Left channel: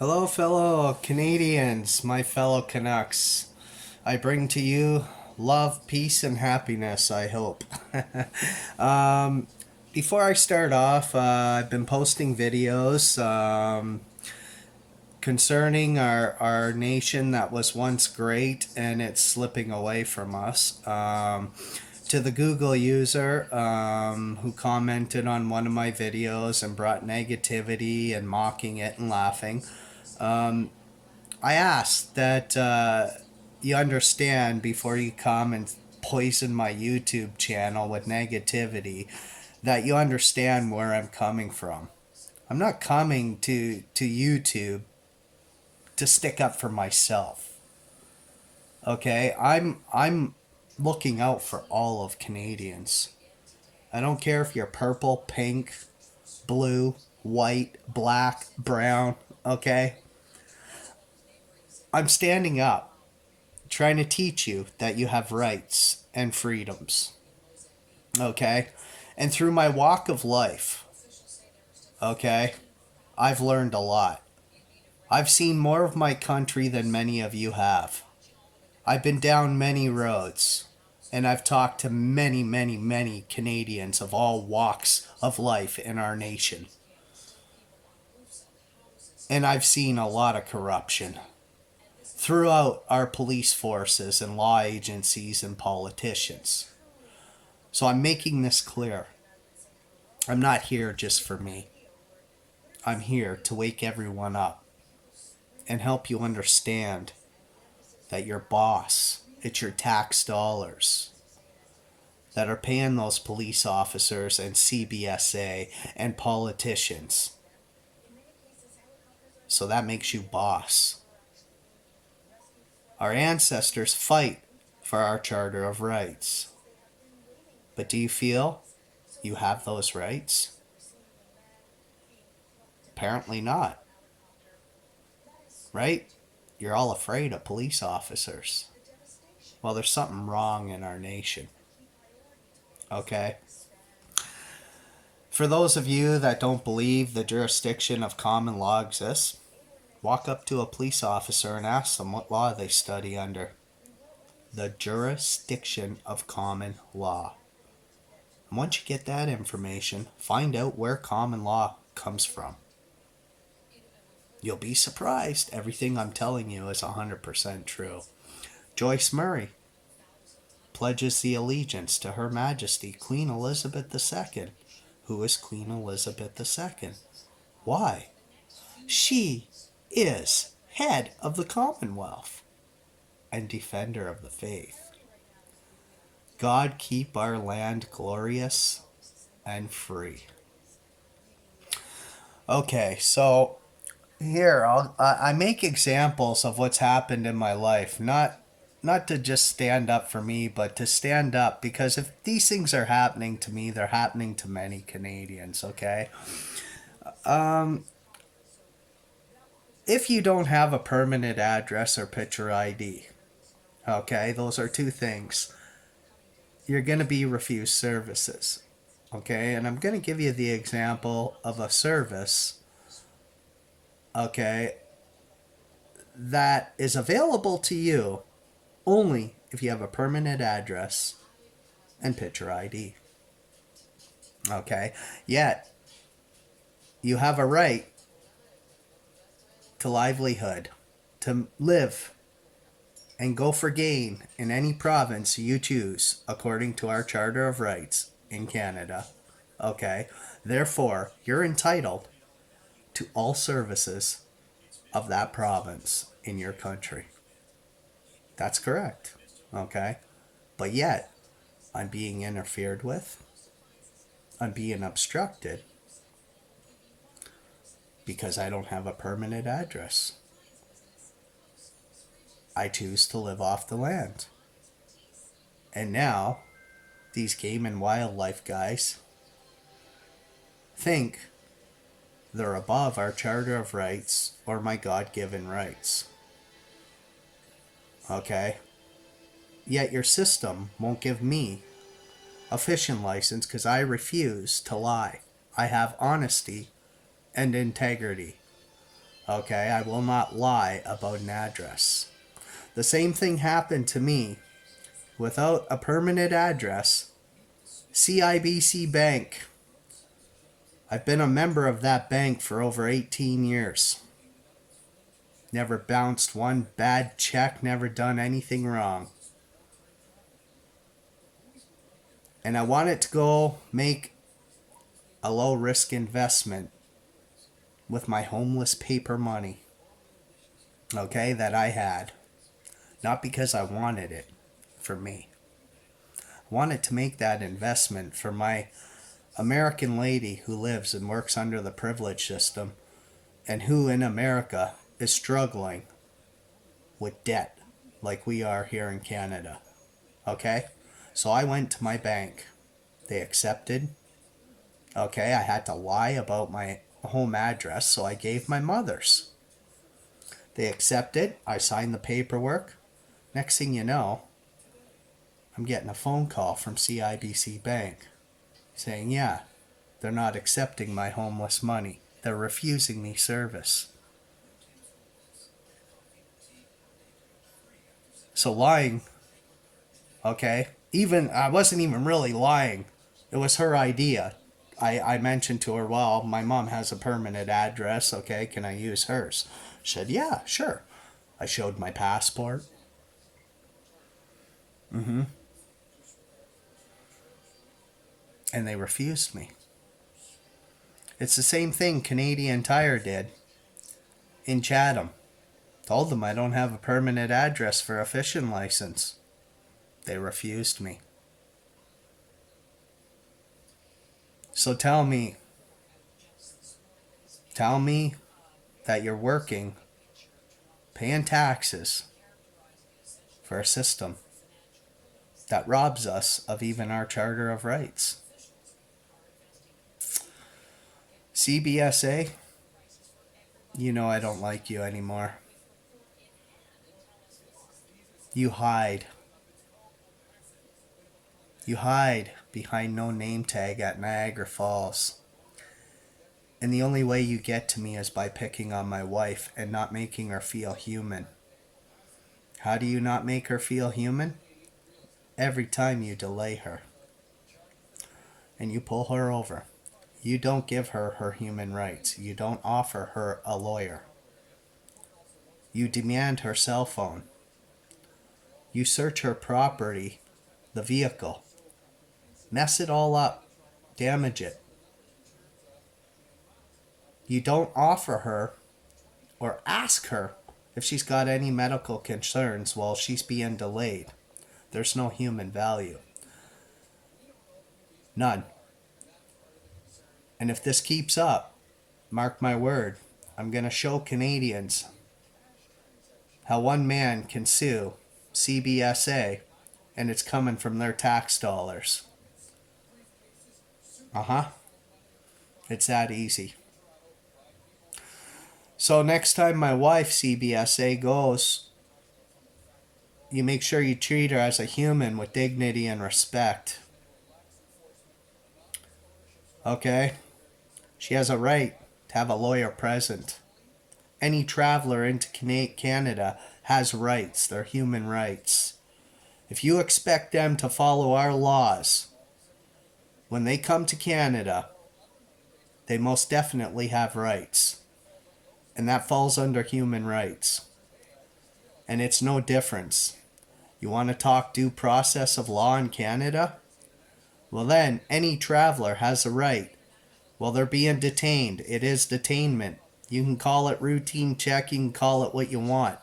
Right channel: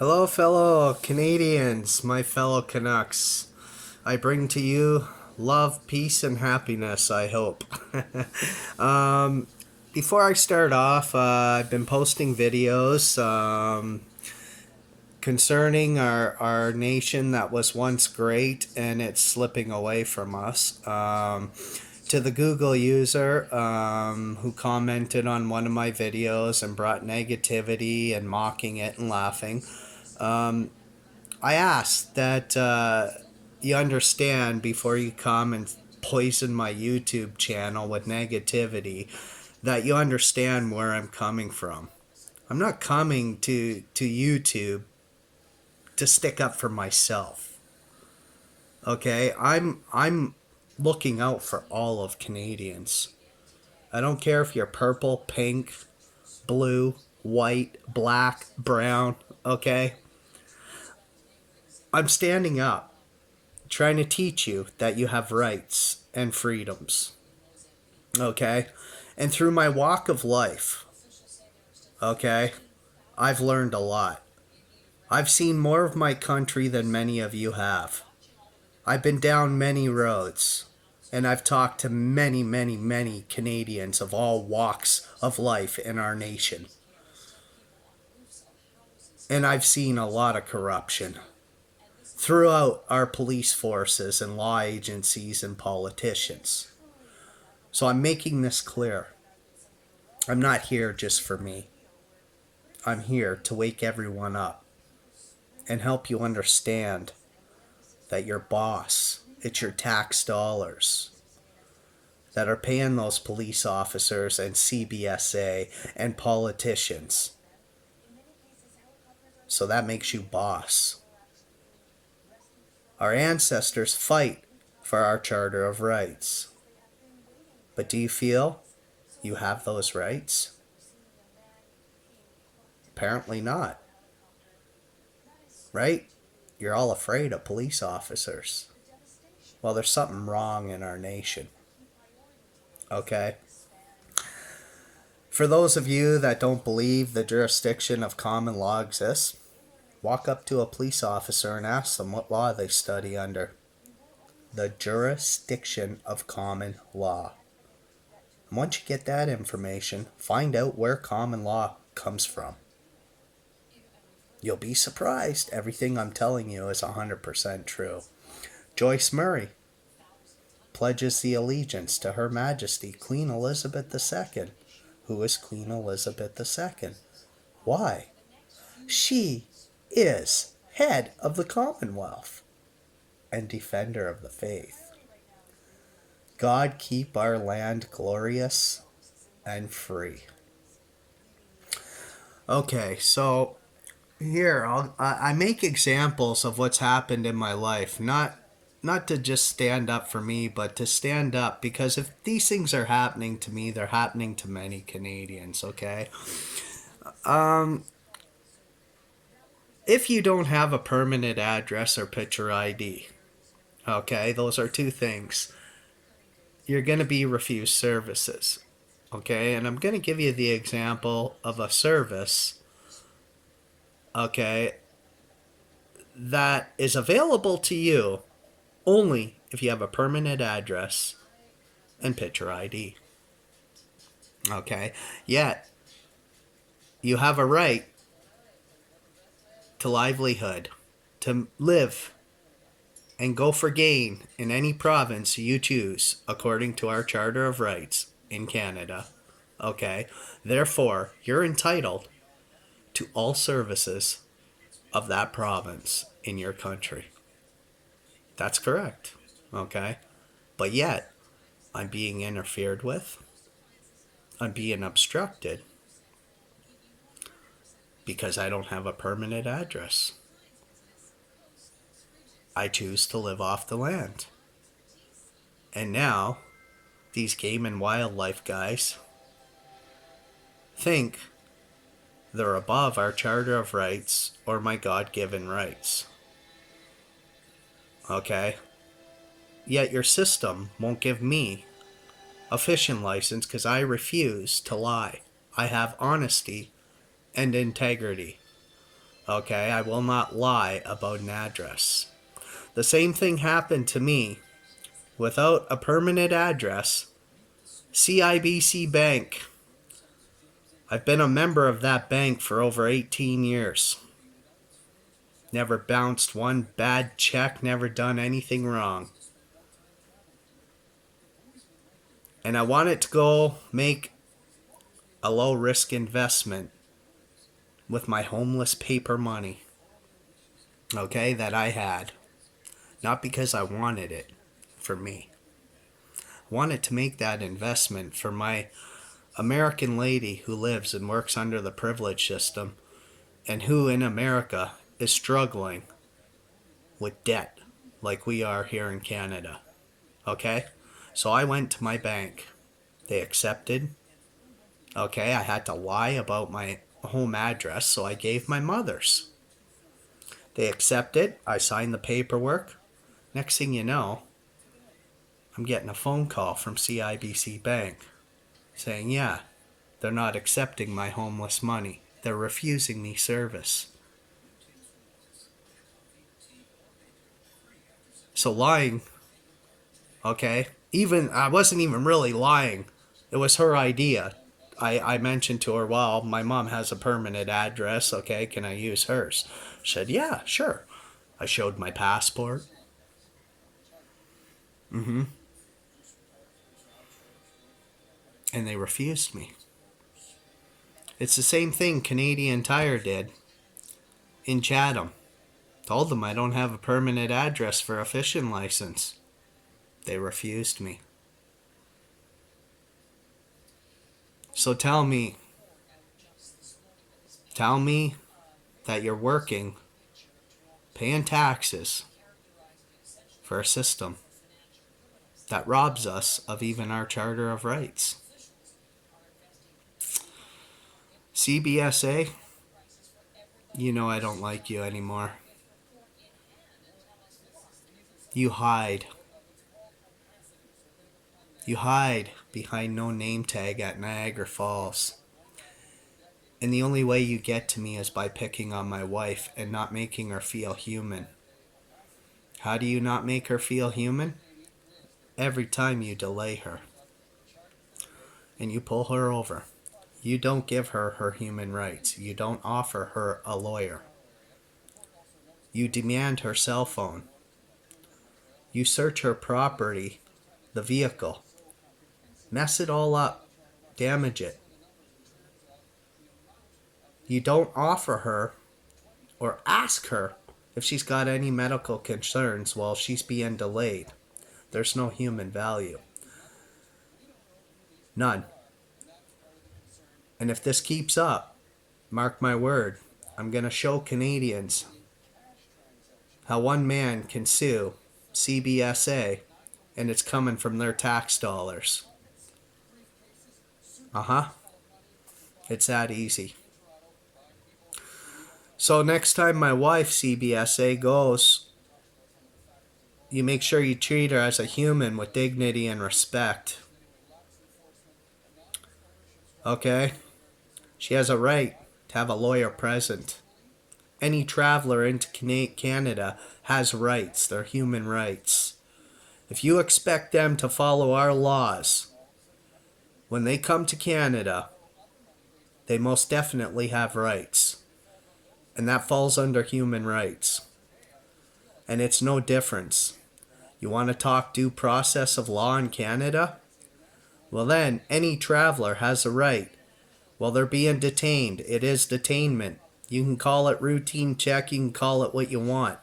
Hello, fellow Canadians, my fellow Canucks. I bring to you love, peace, and happiness, I hope. um, Before I start off, I've been posting videos concerning our nation that was once great and it's slipping away from us. To the Google user who commented on one of my videos and brought negativity and mocking it and laughing. I ask that you understand before you come and poison my YouTube channel with negativity, that you understand where I'm coming from. I'm not coming to YouTube to stick up for myself. Okay? I'm looking out for all of Canadians. I don't care if you're purple, pink, blue, white, black, brown, okay? I'm standing up trying to teach you that you have rights and freedoms. Okay? And through my walk of life, okay, I've learned a lot. I've seen more of my country than many of you have. I've been down many roads, and I've talked to many, many, many Canadians of all walks of life in our nation. And I've seen a lot of corruption throughout our police forces and law agencies and politicians. So I'm making this clear. I'm not here just for me. I'm here to wake everyone up and help you understand that your boss, it's your tax dollars that are paying those police officers and CBSA and politicians. So that makes you boss. Our ancestors fight for our Charter of Rights. But do you feel you have those rights? Apparently not. Right? You're all afraid of police officers. Well, there's something wrong in our nation. Okay? For those of you that don't believe the jurisdiction of common law exists, walk up to a police officer and ask them what law they study under. The jurisdiction of common law. And once you get that information, find out where common law comes from. You'll be surprised. Everything I'm telling you is 100% true. Joyce Murray pledges the allegiance to Her Majesty Queen Elizabeth II. Who is Queen Elizabeth II? Why? She is head of the Commonwealth and defender of the faith. God keep our land glorious and free. Okay, so here I make examples of what's happened in my life, not to just stand up for me, but to stand up because if these things are happening to me, they're happening to many Canadians. Okay, if you don't have a permanent address or picture ID, okay, those are two things. You're going to be refused services. Okay, and I'm going to give you the example of a service, okay, that is available to you only if you have a permanent address and picture ID. Okay, yet you have a right to livelihood, to live and go for gain in any province you choose according to our Charter of Rights in Canada. Okay, therefore, you're entitled to all services of that province in your country. That's correct. Okay, but yet I'm being interfered with. I'm being obstructed because I don't have a permanent address. I choose to live off the land. And now, these game and wildlife guys think they're above our Charter of Rights or my God-given rights. Okay? Yet your system won't give me a fishing license because I refuse to lie. I have honesty and integrity. Okay, I will not lie about an address. The same thing happened to me without a permanent address. CIBC Bank. I've been a member of that bank for over 18 years. Never bounced one bad check, never done anything wrong. And I wanted to go make a low risk investment with my homeless paper money, okay, that I had. Not because I wanted it for me. I wanted to make that investment for my American lady who lives and works under the privilege system and who in America is struggling with debt like we are here in Canada. Okay? So I went to my bank. They accepted. Okay, I had to lie about my home address, so I gave my mother's. They accepted. I signed the paperwork. Next thing you know, I'm getting a phone call from CIBC Bank saying, yeah, they're not accepting my homeless money. They're refusing me service. So lying, okay, even I wasn't even really lying. It was her idea. I mentioned to her, well, my mom has a permanent address, okay, can I use hers? She said, yeah, sure. I showed my passport. Mm-hmm. And they refused me. It's the same thing Canadian Tire did in Chatham. Told them I don't have a permanent address for a fishing license. They refused me. So tell me that you're working, paying taxes for a system that robs us of even our Charter of Rights. CBSA, you know I don't like you anymore. You hide. You hide behind no name tag at Niagara Falls. And the only way you get to me is by picking on my wife and not making her feel human. How do you not make her feel human? Every time you delay her and you pull her over. You don't give her her human rights. You don't offer her a lawyer. You demand her cell phone. You search her property, the vehicle. Mess it all up. Damage it. You don't offer her or ask her if she's got any medical concerns while she's being delayed. There's no human value. None. And if this keeps up, mark my word, I'm going to show Canadians how one man can sue CBSA and it's coming from their tax dollars. Uh-huh. It's that easy. So next time my wife, CBSA, goes, you make sure you treat her as a human with dignity and respect. Okay? She has a right to have a lawyer present. Any traveler into Canada has rights. They're human rights. If you expect them to follow our laws, when they come to Canada, they most definitely have rights. And that falls under human rights. And it's no difference. You want to talk due process of law in Canada? Well then, any traveler has a right. While they're being detained, it is detainment. You can call it routine check, you can call it what you want.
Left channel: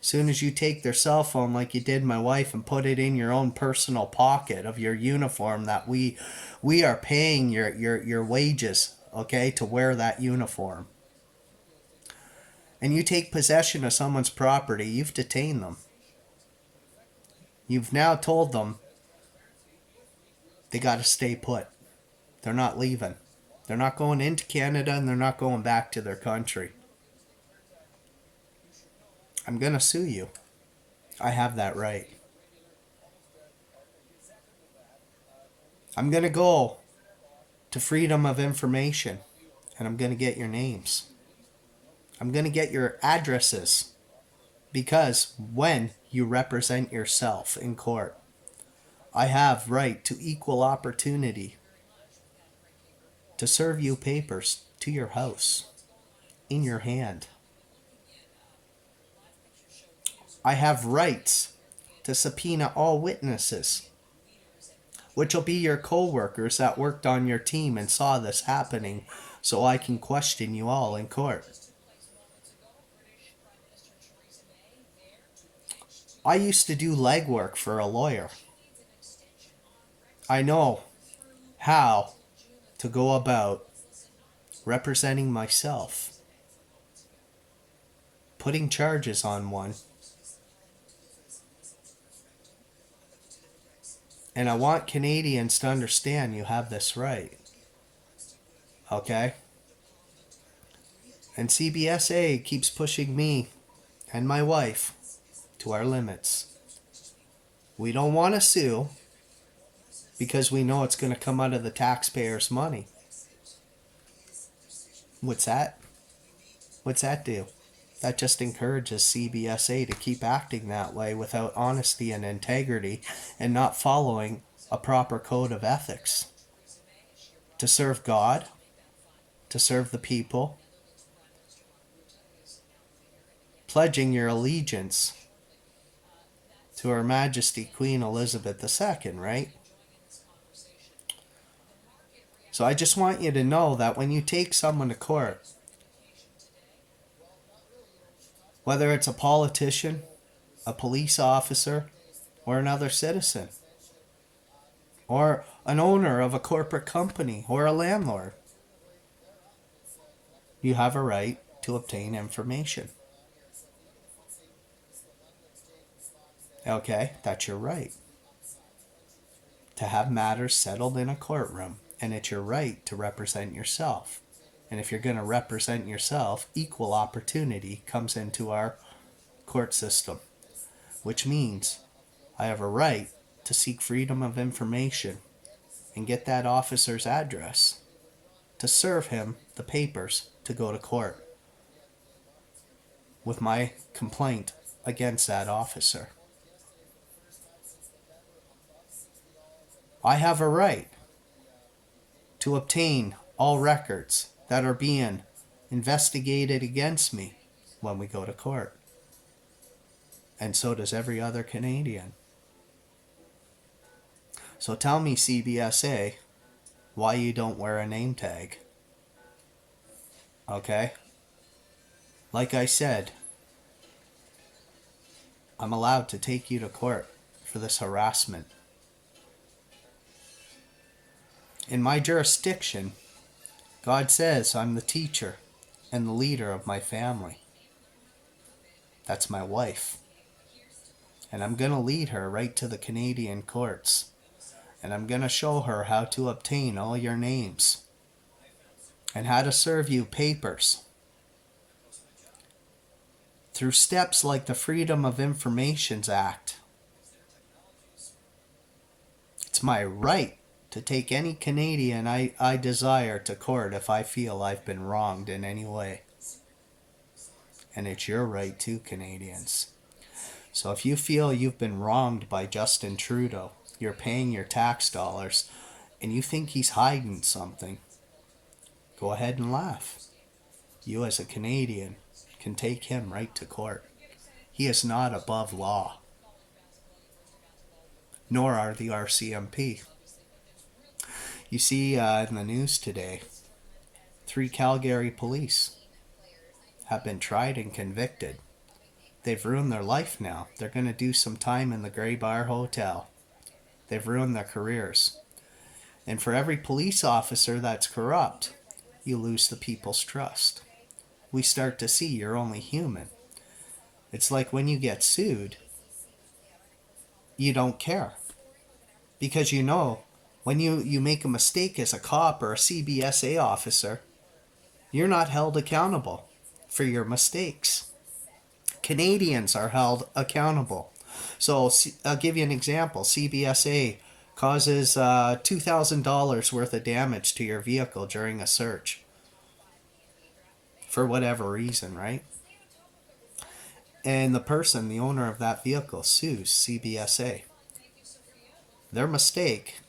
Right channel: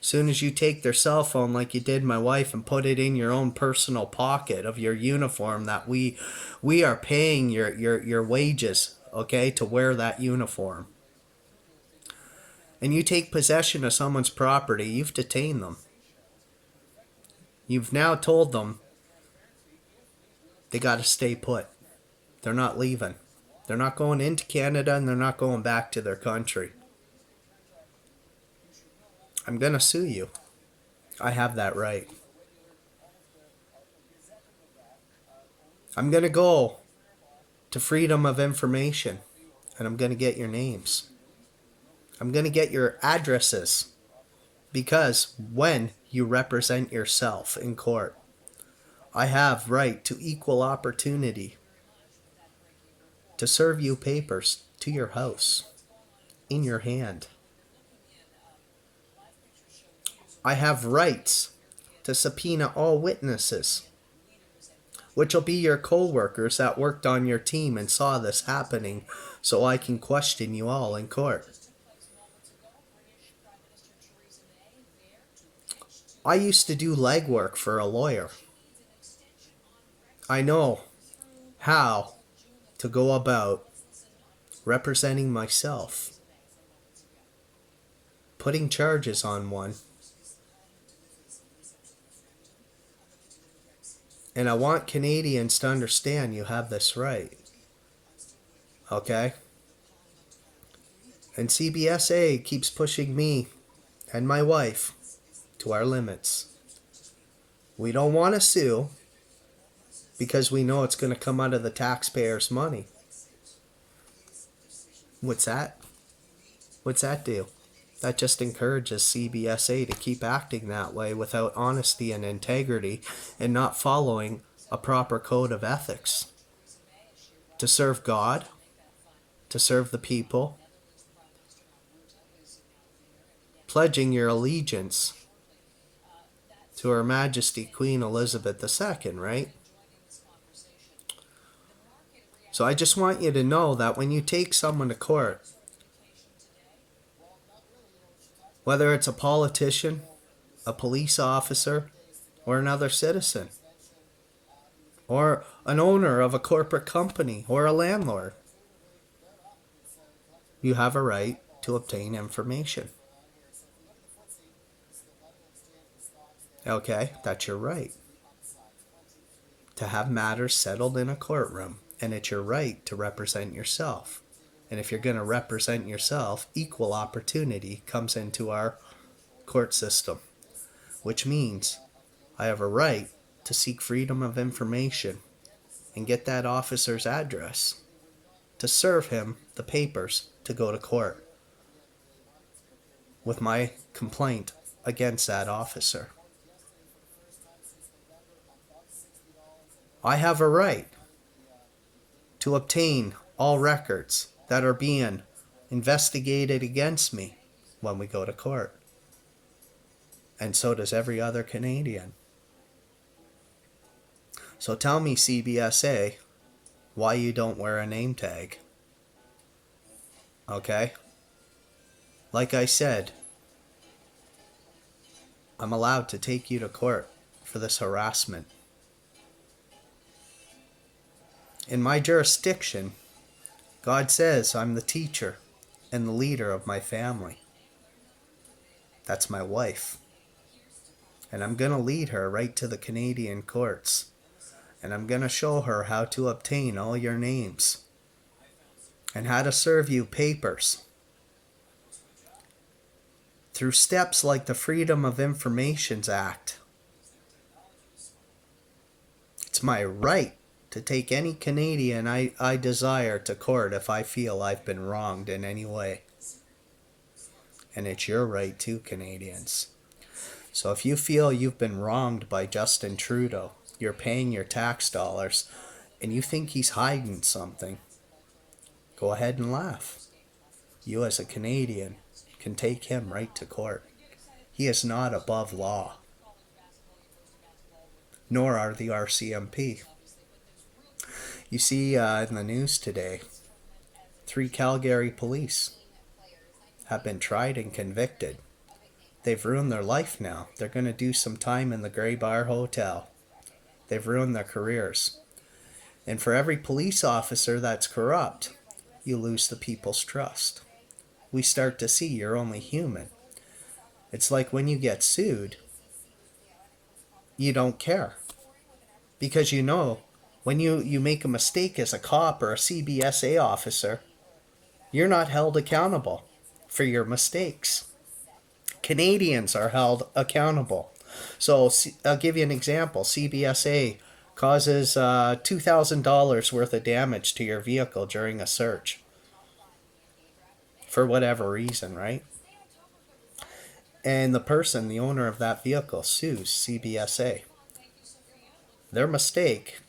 As soon as you take their cell phone like you did my wife and put it in your own personal pocket of your uniform that we are paying your wages, okay, to wear that uniform. And you take possession of someone's property, you've detained them. You've now told them they got to stay put. They're not leaving. They're not going into Canada and they're not going back to their country. I'm going to sue you. I have that right. I'm going to go to Freedom of Information and I'm going to get your names. I'm going to get your addresses, because when you represent yourself in court, I have right to equal opportunity to serve you papers to your house, in your hand. I have rights to subpoena all witnesses, which will be your co-workers that worked on your team and saw this happening, so I can question you all in court. I used to do legwork for a lawyer. I know how to go about representing myself, putting charges on one, and I want Canadians to understand you have this right. Okay? And CBSA keeps pushing me and my wife to our limits. We don't want to sue because we know it's going to come out of the taxpayers' money. What's that? What's that do? That just encourages CBSA to keep acting that way without honesty and integrity and not following a proper code of ethics. To serve God, to serve the people, pledging your allegiance to Her Majesty Queen Elizabeth II, right? So I just want you to know that when you take someone to court, whether it's a politician, a police officer, or another citizen, or an owner of a corporate company, or a landlord, you have a right to obtain information. Okay, that's your right. To have matters settled in a courtroom, and it's your right to represent yourself. And if you're going to represent yourself, equal opportunity comes into our court system, which means I have a right to seek freedom of information and get that officer's address to serve him the papers to go to court with my complaint against that officer. I have a right to obtain all records that are being investigated against me when we go to court. And so does every other Canadian. So tell me, CBSA, why you don't wear a name tag. Okay? Like I said, I'm allowed to take you to court for this harassment. In my jurisdiction, God says I'm the teacher and the leader of my family. That's my wife. And I'm going to lead her right to the Canadian courts. And I'm going to show her how to obtain all your names. And how to serve you papers. Through steps like the Freedom of Information Act. It's my right to take any Canadian I desire to court if I feel I've been wronged in any way. And it's your right too, Canadians. So if you feel you've been wronged by Justin Trudeau, you're paying your tax dollars, and you think he's hiding something, go ahead and laugh. You as a Canadian can take him right to court. He is not above law. Nor are the RCMP. You see in the news today, 3 Calgary police have been tried and convicted. They've ruined their life now. They're going to do some time in the Grey Bar Hotel. They've ruined their careers. And for every police officer that's corrupt, you lose the people's trust. We start to see you're only human. It's like when you get sued, you don't care. Because you know, when you make a mistake as a cop or a CBSA officer, you're not held accountable for your mistakes. Canadians are held accountable. So I'll give you an example. CBSA causes $2,000 worth of damage to your vehicle during a search. for whatever reason, right? And the person, the owner of that vehicle, sues CBSA. Their mistake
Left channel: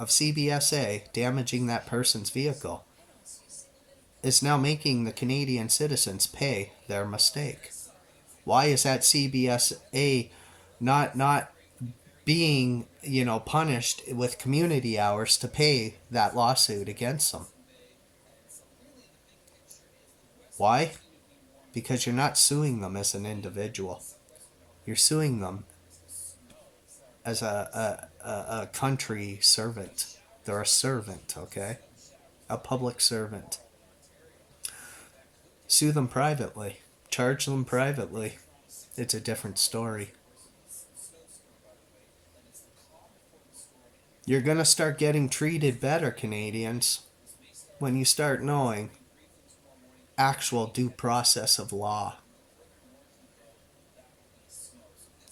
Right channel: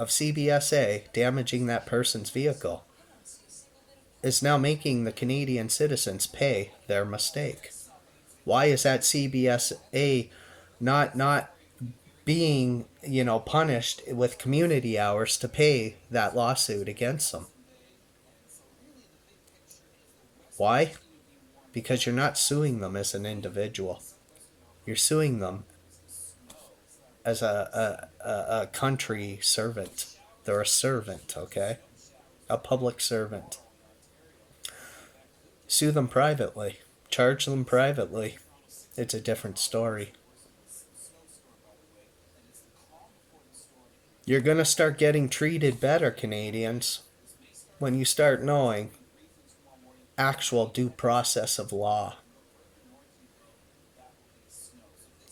of CBSA damaging that person's vehicle is now making the Canadian citizens pay their mistake. Why is that CBSA not being, punished with community hours to pay that lawsuit against them? Why? Because you're not suing them as an individual. You're suing them as a country servant. They're a servant, okay? A public servant. Sue them privately. Charge them privately. It's a different story. You're going to start getting treated better, Canadians, when you start knowing actual due process of law.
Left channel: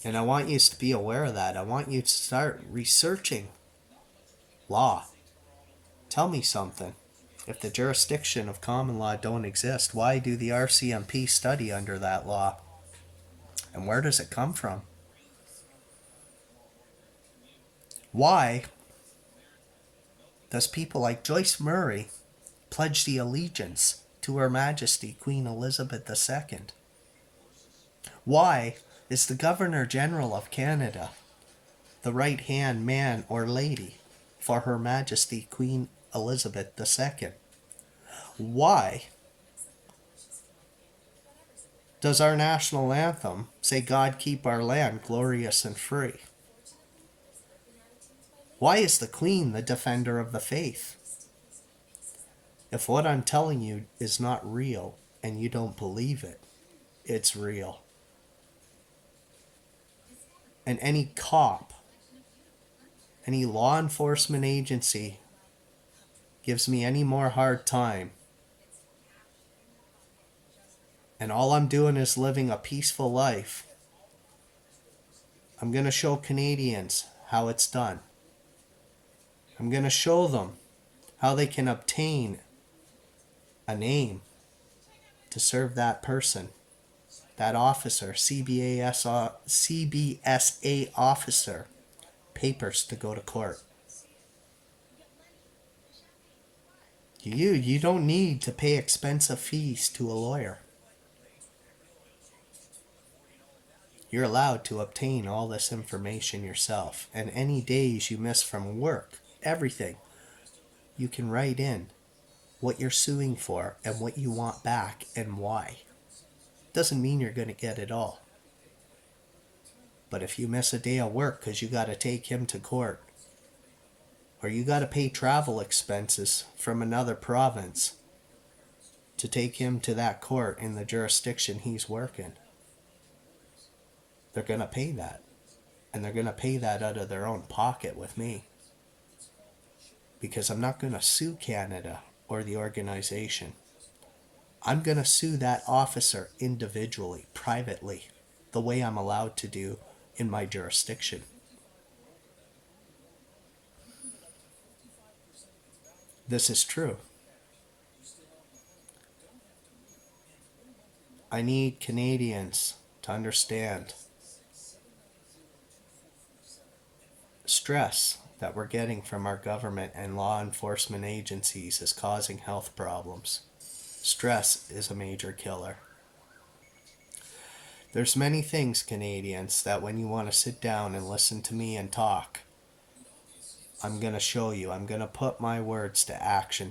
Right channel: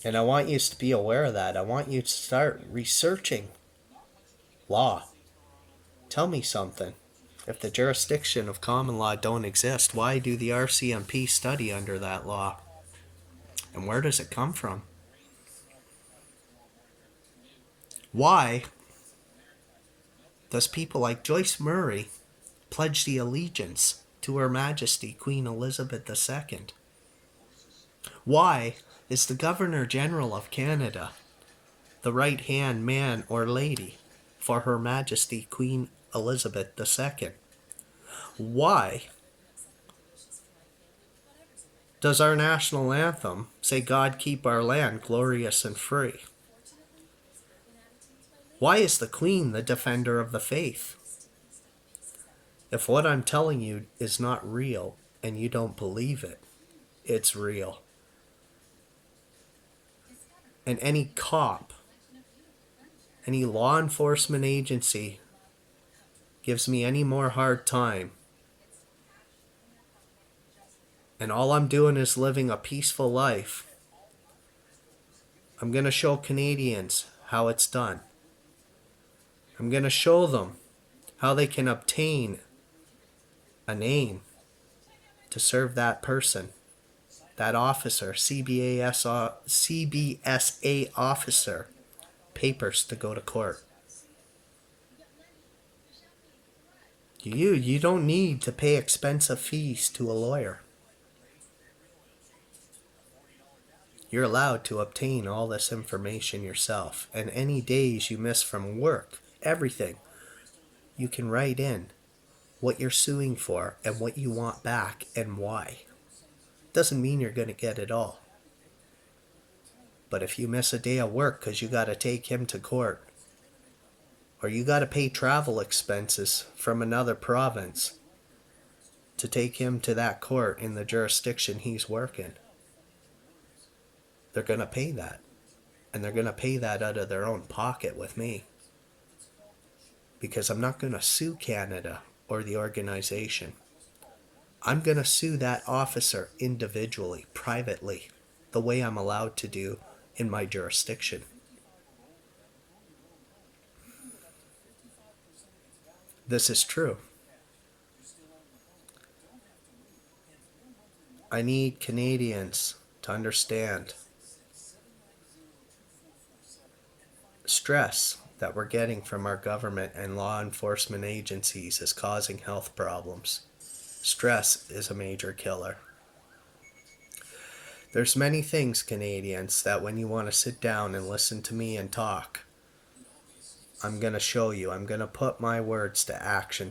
And I want you to be aware of that. I want you to start researching law. Tell me something. If the jurisdiction of common law don't exist, why do the RCMP study under that law? And where does it come from? Why does people like Joyce Murray pledge the allegiance to Her Majesty Queen Elizabeth II? Why is the Governor General of Canada the right-hand man or lady for Her Majesty Queen Elizabeth II? Why does our national anthem say, "God keep our land glorious and free"? Why is the Queen the defender of the faith? If what I'm telling you is not real and you don't believe it, it's real. And any cop, any law enforcement agency gives me any more hard time, and all I'm doing is living a peaceful life, I'm going to show Canadians how it's done. I'm going to show them how they can obtain a name to serve that person, that officer, CBSA officer, papers to go to court. You don't need to pay expensive fees to a lawyer. You're allowed to obtain all this information yourself. And any days you miss from work, everything, you can write in what you're suing for and what you want back and why. Doesn't mean you're going to get it all. But if you miss a day of work because you got to take him to court, or you got to pay travel expenses from another province to take him to that court in the jurisdiction he's working, they're going to pay that. And they're going to pay that out of their own pocket with me. Because I'm not going to sue Canada or the organization. I'm going to sue that officer individually, privately, the way I'm allowed to do in my jurisdiction. This is true. I need Canadians to understand stress that we're getting from our government and law enforcement agencies is causing health problems. Stress is a major killer. There's many things, Canadians, that when you want to sit down and listen to me and talk, I'm going to show you. I'm going to put my words to action